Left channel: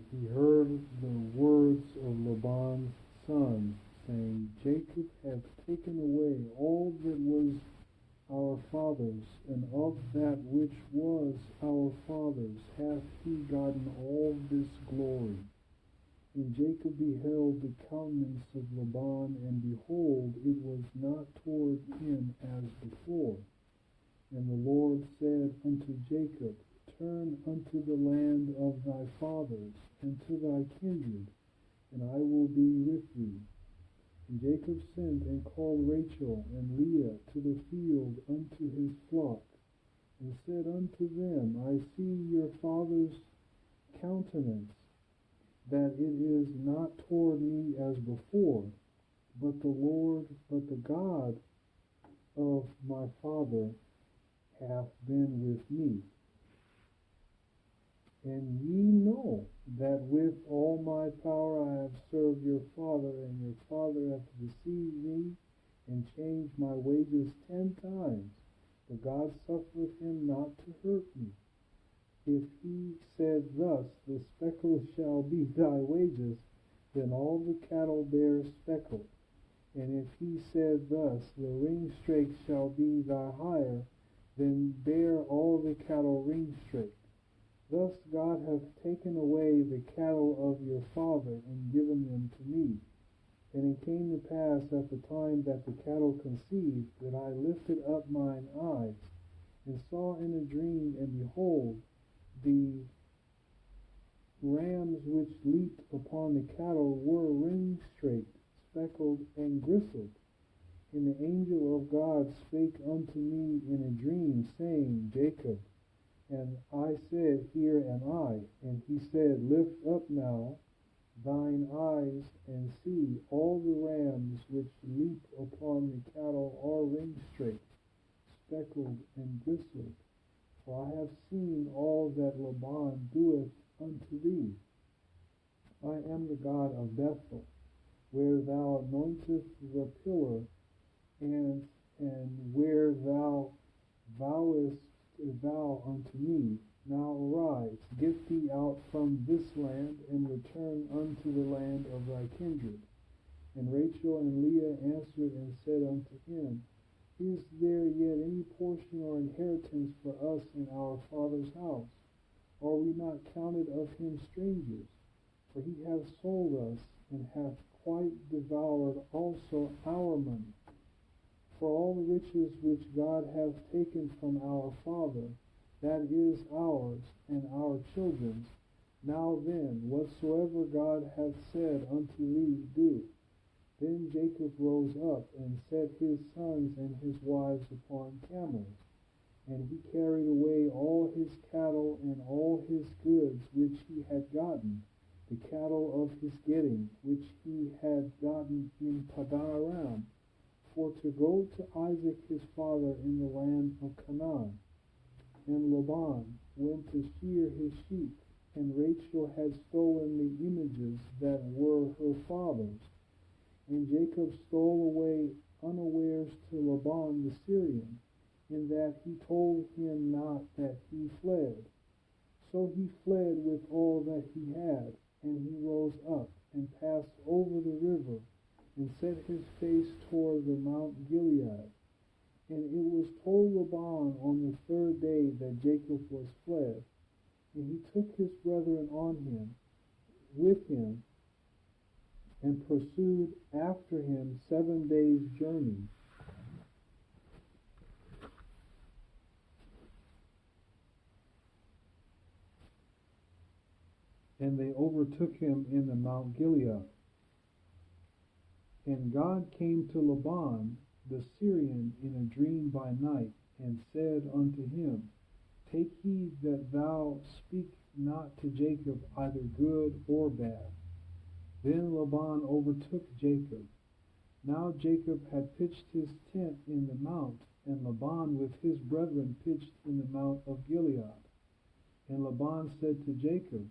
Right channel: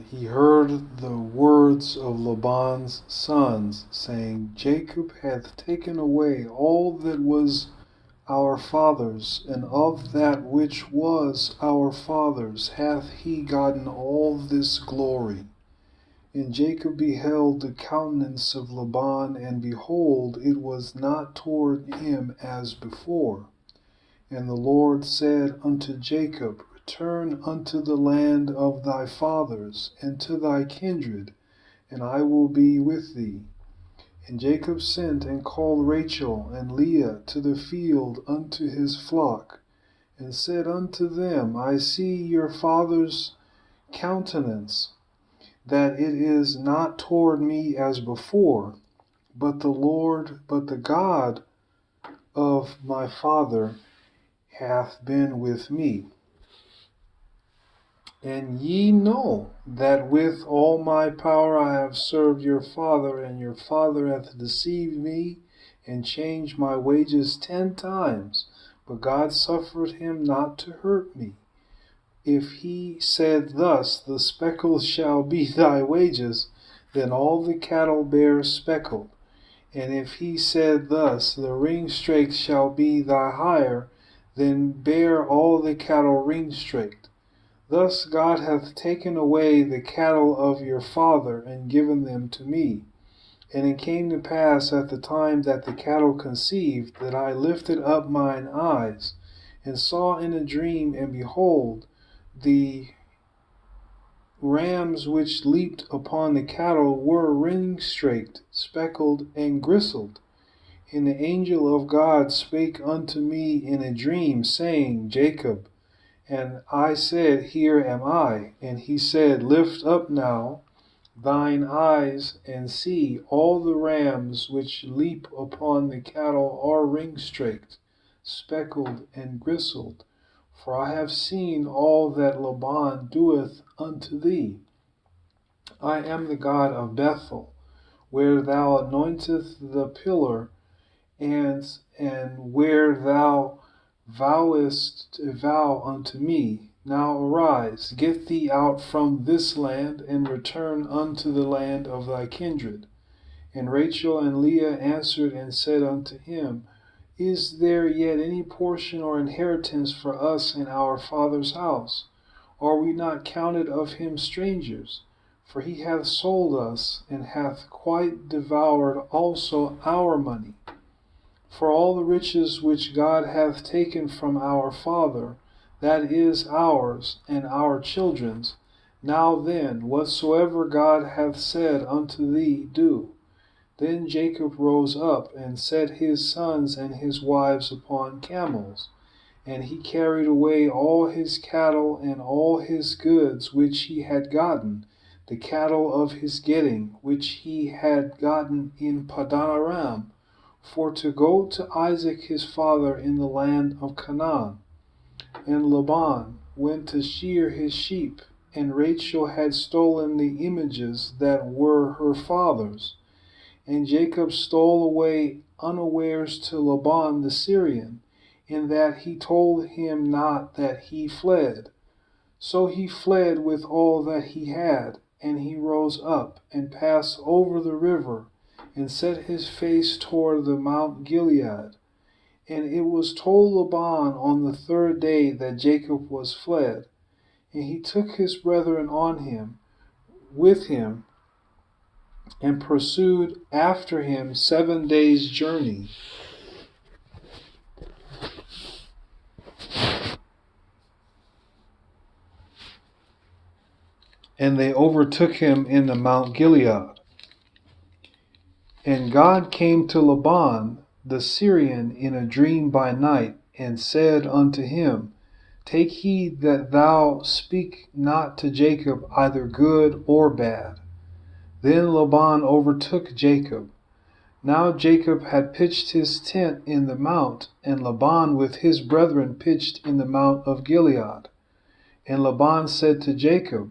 And he heard the words of Laban's sons, saying, Jacob hath taken away all that was our father's, and of that which was our father's hath he gotten all this glory. And Jacob beheld the countenance of Laban, and behold, it was not toward him as before. And the Lord said unto Jacob, Return unto the land of thy fathers, and to thy kindred, and I will be with thee. And Jacob sent and called Rachel and Leah to the field unto his flock, and said unto them, I see your father's countenance, that it is not toward me as before, but the God of my father hath been with me. And ye know that with all my power I have served your father, and your father hath deceived me, and changed my wages 10 times, but God suffered him not to hurt me. If he said thus, The speckled shall be thy wages, then all the cattle bear speckled. And if he said thus, The ringstraked shall be thy hire, then bear all the cattle ringstraked. Thus God hath taken away the cattle of your father, and given them to me. And it came to pass at the time that the cattle conceived, that I lifted up mine eyes, and saw in a dream, and behold, the rams which leaped upon the cattle were ringstraked, speckled, and gristled. And the angel of God spake unto me in a dream, saying, Jacob. And I said, Here am I. And he said, Lift up now thine eyes, and see, all the rams which leap upon the cattle are ringstraked, speckled, and gristled. For I have seen all that Laban doeth unto thee. I am the God of Bethel, where thou anointest the pillar, and where thou vowest a vow unto me. Now arise, get thee out from this land, and return unto the land of thy kindred. And Rachel and Leah answered and said unto him, Is there yet any portion or inheritance for us in our father's house? Are we not counted of him strangers? For he hath sold us, and hath quite devoured also our money. For all the riches which God hath taken from our father, that is ours and our children's. Now then, whatsoever God hath said unto thee, do. Then Jacob rose up, and set his sons and his wives upon camels, and he carried away all his cattle and all his goods which he had gotten, the cattle of his getting, which he had gotten in Padan Aram, for to go to Isaac his father in the land of Canaan. And Laban went to shear his sheep, and Rachel had stolen the images that were her father's. And Jacob stole away unawares to Laban the Syrian, in that he told him not that he fled. So he fled with all that he had, and he rose up, and passed over the river, and set his face toward the Mount Gilead. And it was told Laban on the 3rd day that Jacob was fled. And he took his brethren with him, and pursued after him 7 days' journey. And they overtook him in the Mount Gilead. And God came to Laban the Syrian in a dream by night, and said unto him, Take heed that thou speak not to Jacob either good or bad. Then Laban overtook Jacob. Now Jacob had pitched his tent in the mount, and Laban with his brethren pitched in the Mount of Gilead. And Laban said to Jacob,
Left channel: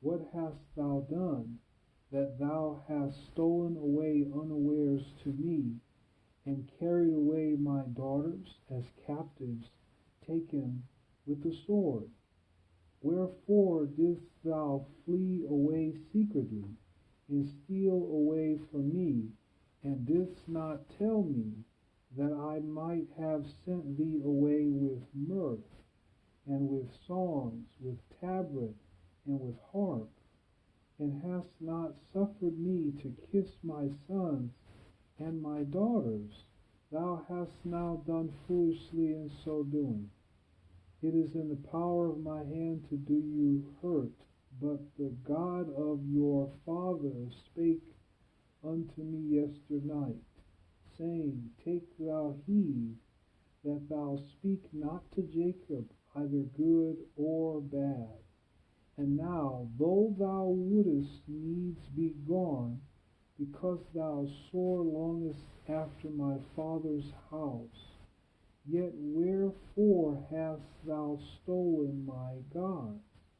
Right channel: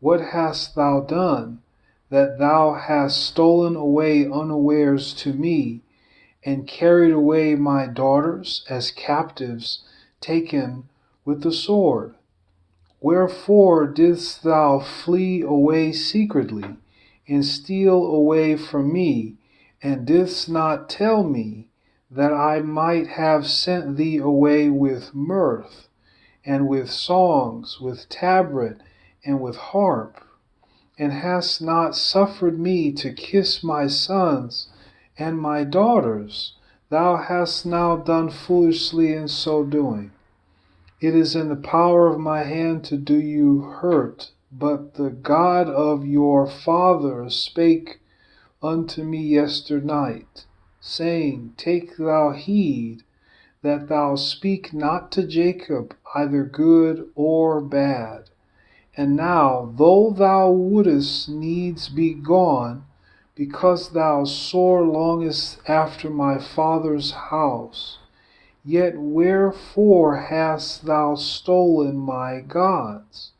What hast thou done, that thou hast stolen away unawares to me, and carried away my daughters as captives taken with the sword? Wherefore didst thou flee away secretly, and steal away from me, and didst not tell me, that I might have sent thee away with mirth, and with songs, with tabret, and with harp? And hast not suffered me to kiss my sons and my daughters? Thou hast now done foolishly in so doing. It is in the power of my hand to do you hurt, but the God of your fathers spake unto me yesternight, saying, Take thou heed that thou speak not to Jacob either good or bad. And now, though thou wouldest needs be gone, because thou sore longest after my father's house, yet wherefore hast thou stolen my gods?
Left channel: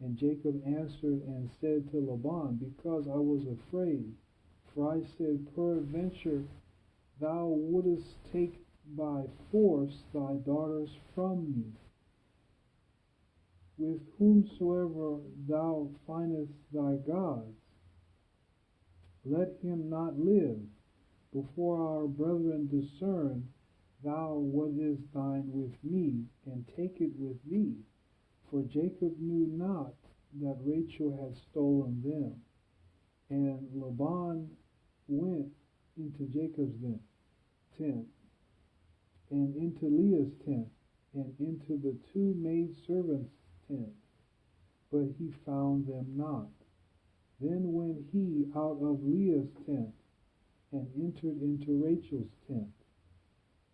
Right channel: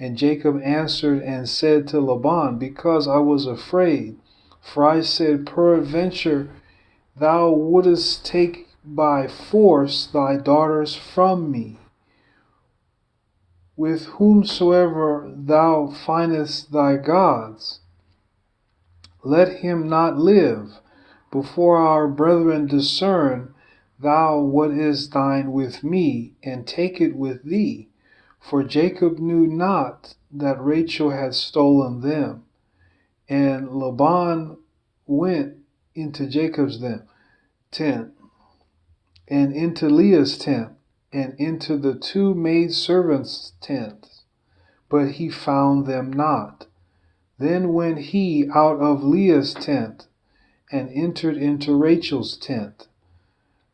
And Jacob answered and said to Laban, Because I was afraid, for I said, Peradventure thou wouldest take by force thy daughters from me. With whomsoever thou findest thy gods, let him not live, before our brethren discern thou what is thine with me, and take it with thee. For Jacob knew not that Rachel had stolen them. And Laban went into Jacob's tent, and into Leah's tent, and into the two maidservants' tents, but he found them not. Then went he out of Leah's tent, and entered into Rachel's tent.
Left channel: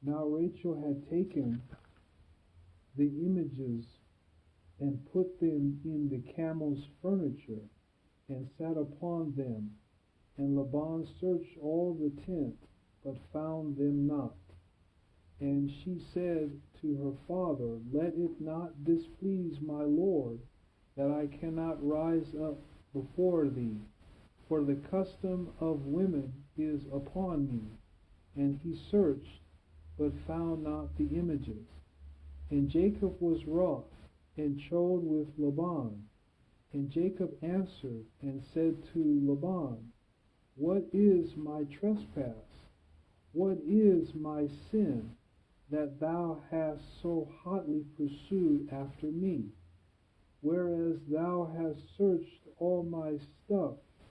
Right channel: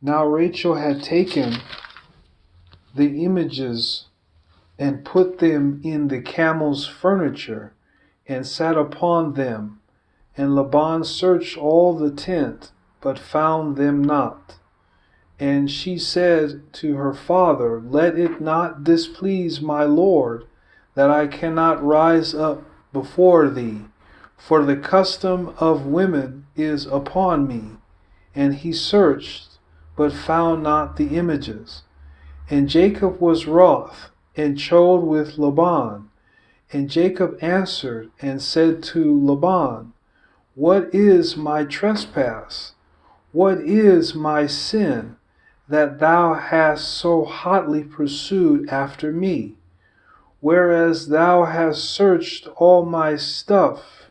Now Rachel had taken the images and put them in the camel's furniture, and sat upon them. And Laban searched all the tent, but found them not. And she said to her father, Let it not displease my lord, that I cannot rise up before thee, for the custom of women is upon me. And he searched, but found not the images. And Jacob was wroth, and chode with Laban. And Jacob answered and said to Laban, What is my trespass? What is my sin, that thou hast so hotly pursued after me? Whereas thou hast searched all my stuff,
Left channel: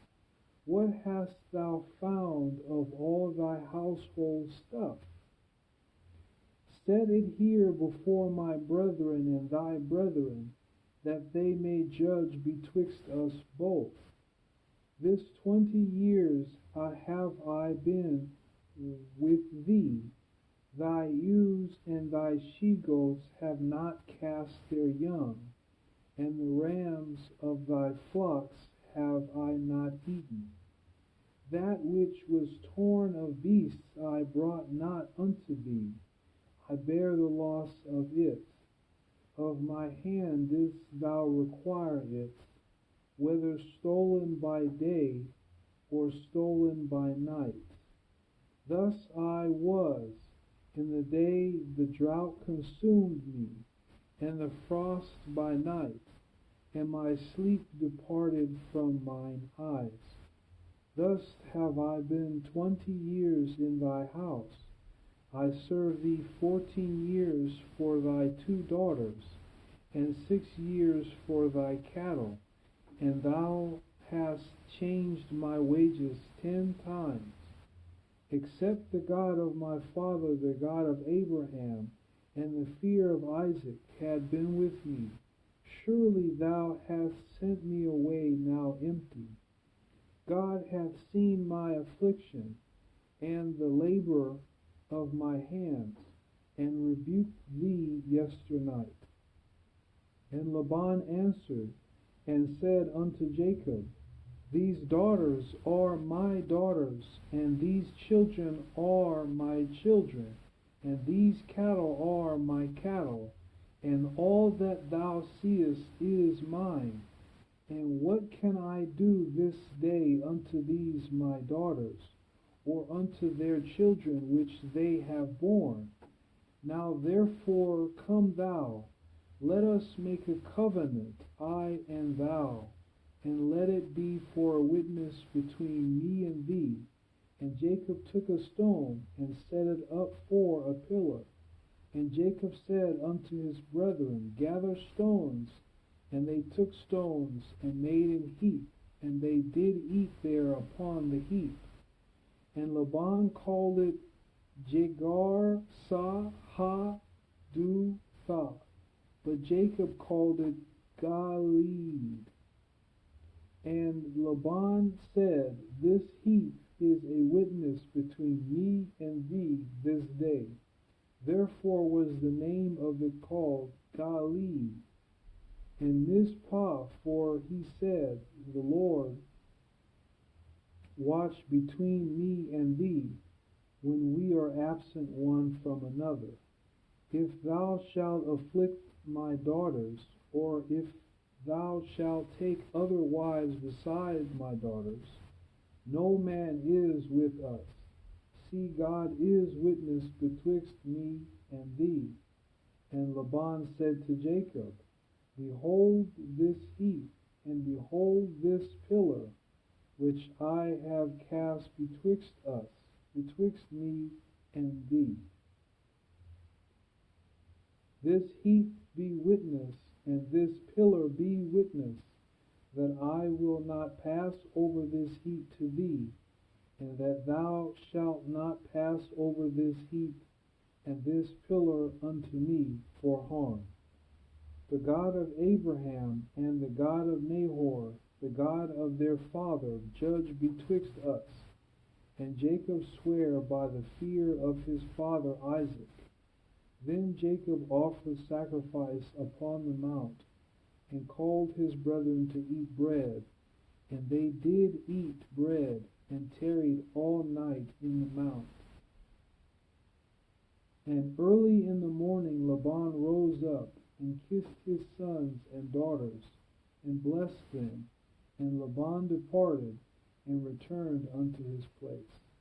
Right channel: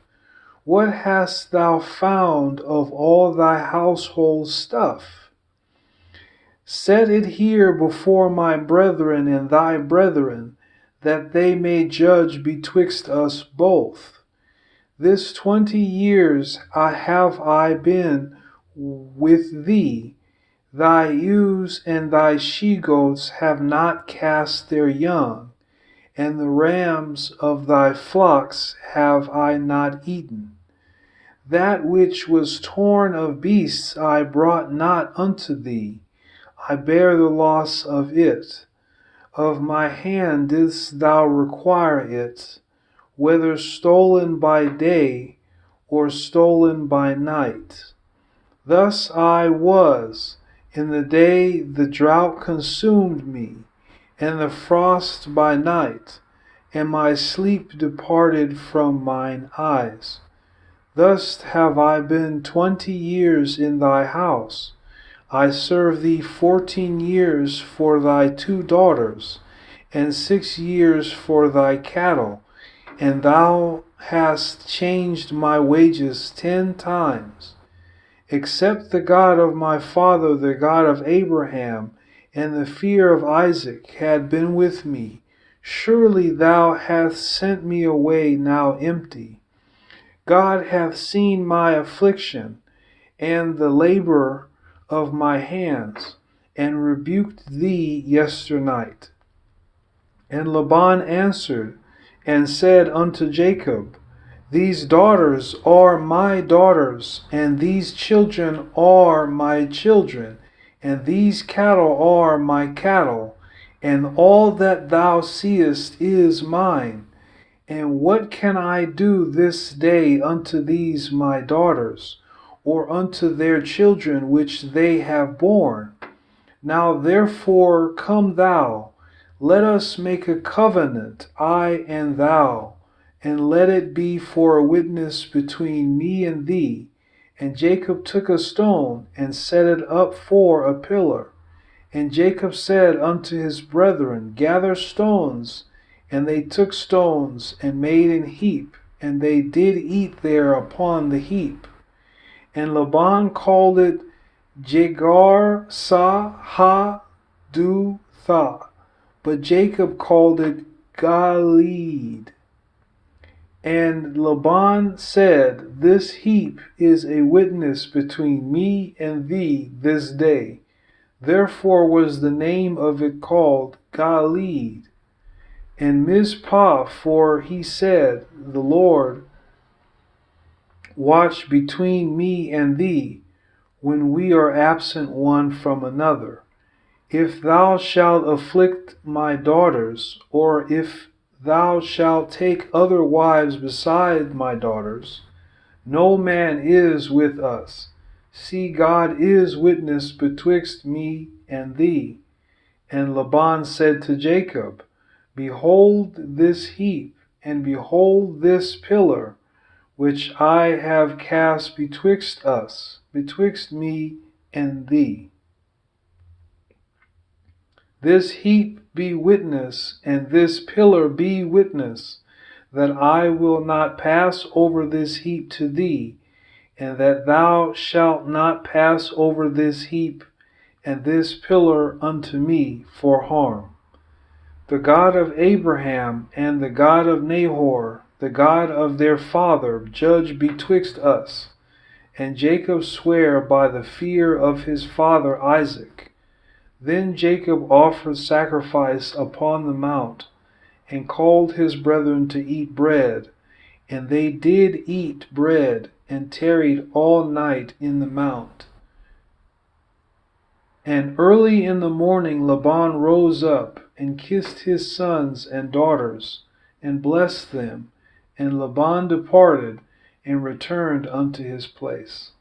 what hast thou found of all thy household stuff? Set it here before my brethren and thy brethren, that they may judge betwixt us both. This 20 years have I been with thee. Thy ewes and thy she-goats have not cast their young, and the rams of thy flocks have I not eaten. That which was torn of beasts I brought not unto thee. I bear the loss of it. Of my hand didst thou require it, whether stolen by day or stolen by night. Thus I was, in the day the drought consumed me, and the frost by night, and my sleep departed from mine eyes. Thus have I been 20 years in thy house. I served thee 14 years for thy 2 daughters, and 6 years for thy cattle, and thou hast changed my wages 10 times. Except the God of my father, the God of Abraham, and the fear of Isaac had been with me, surely thou hast sent me away now empty. God hath seen my affliction, and the labor of my hands, and rebuked thee yesternight. And Laban answered and said unto Jacob, These daughters are my daughters, and these children are my children, and these cattle are my cattle, and all that thou seest is mine. And what can I do this day unto these my daughters, or unto their children which they have borne? Now therefore come thou, Let us make a covenant, I and thou, and let it be for a witness between me and thee. And Jacob took a stone and set it up for a pillar. And Jacob said unto his brethren, Gather stones. And they took stones and made an heap, and they did eat there upon the heap. And Laban called it Jegar Sahadutha, but Jacob called it Galeed. And Laban said, This heap is a witness between me and thee this day. Therefore was the name of it called Galeed. And Mizpah, for he said, The Lord watch between me and thee, when we are absent one from another. If thou shalt afflict my daughters, or if thou shalt take other wives beside my daughters, no man is with us. See, God is witness betwixt me and thee. And Laban said to Jacob, Behold this heap, and behold this pillar, which I have cast betwixt us, betwixt me and thee. This heap be witness, and this pillar be witness, that I will not pass over this heap to thee, and that thou shalt not pass over this heap and this pillar unto me for harm. The God of Abraham and the God of Nahor, the God of their father, judge betwixt us. And Jacob sware by the fear of his father Isaac. Then Jacob offered sacrifice upon the mount, and called his brethren to eat bread. And they did eat bread, and tarried all night in the mount. And early in the morning Laban rose up, and kissed his sons and daughters, and blessed them. And Laban departed, and returned unto his place.